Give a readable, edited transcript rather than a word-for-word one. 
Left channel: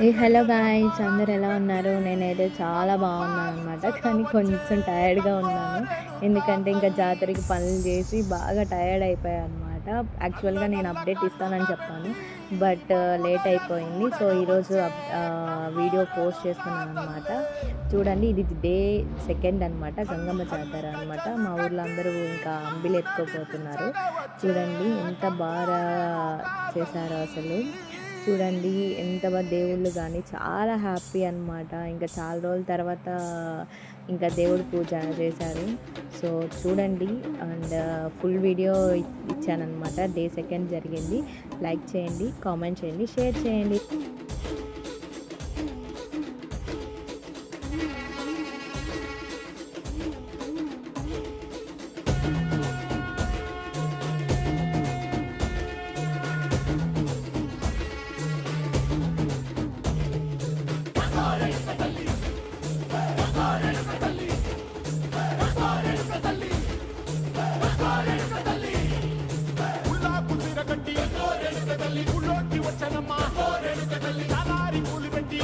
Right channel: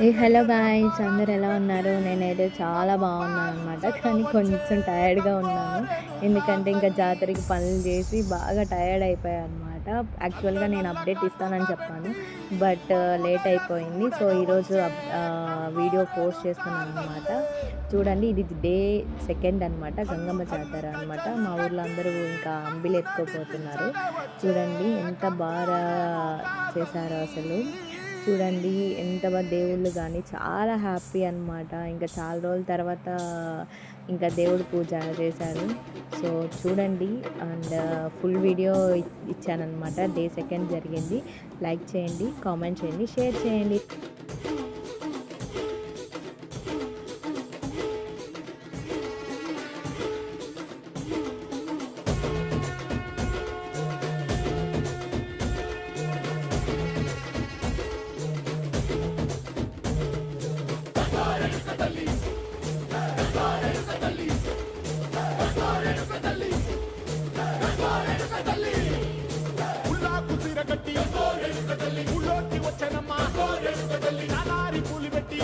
Hello guys, అందరు ఎలా ఉన్నారు? నేనైతే చాలా బాగున్నాను అనమాట. కానీ కొంచెం టైర్డ్గా ఉన్నాను. ఎందుకంటే ఇంకా జాతరకి పనులు చేసి బాగా టైర్డ్ అయిపోయాను అనమాట. యాక్చువల్గా నేను అప్డేట్ ఇస్తానని చెప్పాను, బట్ లేట్ అయిపోయింది. సో ఈరోజు వీడియో పోస్ట్ చేస్తున్నాను అనమాట. చూడండి, ఇది డే సెకండ్ అనమాట, గంగమ్మ జాతర అనమాట. మా ఊర్లో అందరూ ఇంకా అంబిలు ఎత్తుకోపోతున్నారు. చూడండి ఎంత బాగా చేశారో అసలు. చూడండి ఎంత దేవుళ్ళు కానీ చాలా హ్యాపీ అనమాట. ఇంకా చాలా రోజుల తర్వాత ఇంకా దేవుడు పూజ చేశారు. సో చూడండి, అండ్ ఫుల్ వీడియో ఇచ్చానమాట. డే సెకండ్ జరిగింది. లైక్ చేయండి, కామెంట్ చేయండి, షేర్ చేయండి. కుసిరగట్టి ఊళ్ళోకి వచ్చనమ్మా తలారి పూలు పెట్టి